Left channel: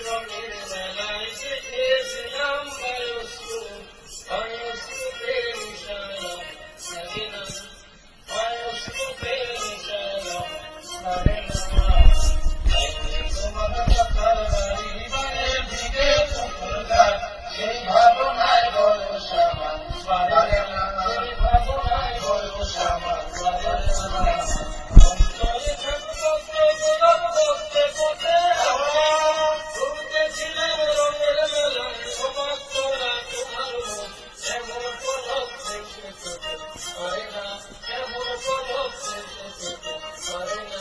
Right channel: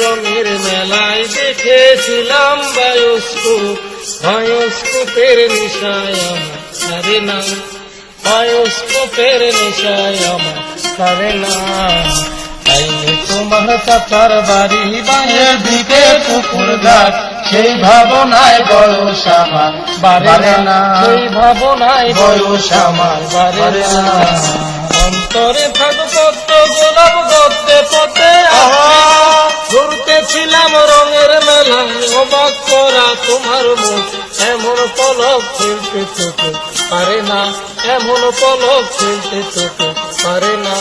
রঙের মেলায় দেখেছিলাম বায়োস্কোপের নেশায় আমার সারে না, বায়োস্কোপের নেশায় আমার সারে না। তাইলে তোমার চাচার বাড়ি বাঁয়ের দিকে পুকুর ঘাট, সেই ভাবনায় বয়স আমার বাড়ে না, সেই ভাবনায় বয়স আমার বাড়ে না। অন্তরে থাকো কত গোলাপ গদ্দে পথে ঘুরতেছিলাম রঙের মেলায়, অবাক করা তোমার মুখ এমন পলক ফেলতে চোখে পারে না, এমন পলক ফেলতে চোখে পারে না।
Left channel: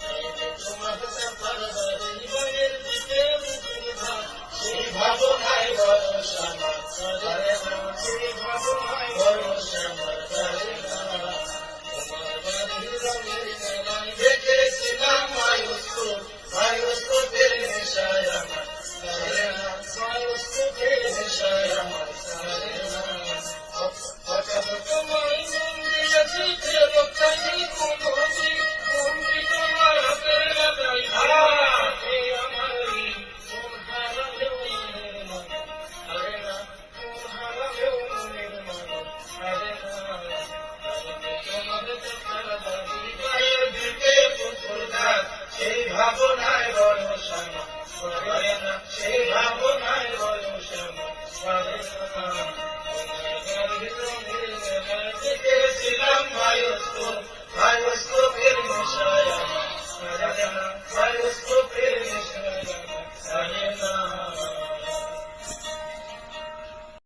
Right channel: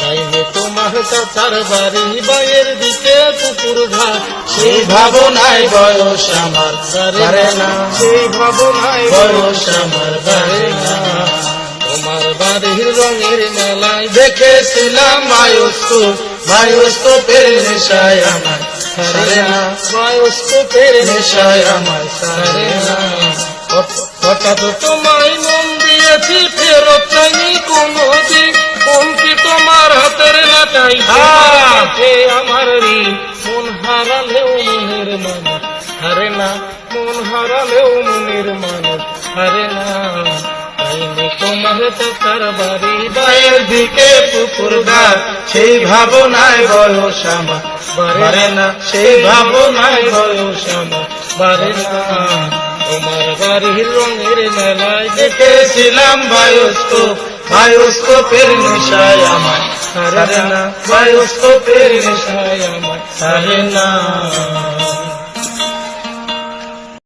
তাইলে তোমার চাচার বাড়ি বাঁয়ের দিকে পুকুর ঘাট, সেই ভাবনায় বয়স আমার বাড়ে না, সেই ভাবনায় বয়স আমার বাড়ে না। তোমার বাড়ির রঙের মেলায় দেখেছিলাম বায়োস্কোপের নেশায় আমার সারে না, বায়োস্কোপের নেশায় আমার সারে না। হঠাৎ তোমায় মন দিয়েছি ফেরত চাইনি কোনদিন, কোন কি তোমার হাতের লাটাই আমার ঋণ। মন হারালেও মনের মানুষ হারে না, মন হারালেও মনের মানুষ হারে না। তাইলে তোমার চাচার বাড়ি বাঁয়ের দিকে পুকুর ঘাট, সেই ভাবনায় বয়স আমার বাড়ে না, সেই ভাবনায় বয়স আমার বাড়ে না। তোমার বাড়ির রঙের মেলায় দেখেছিলাম বায়োস্কোপের নেশায় আমার সারে না, বায়োস্কোপের নেশায় আমার সারে না।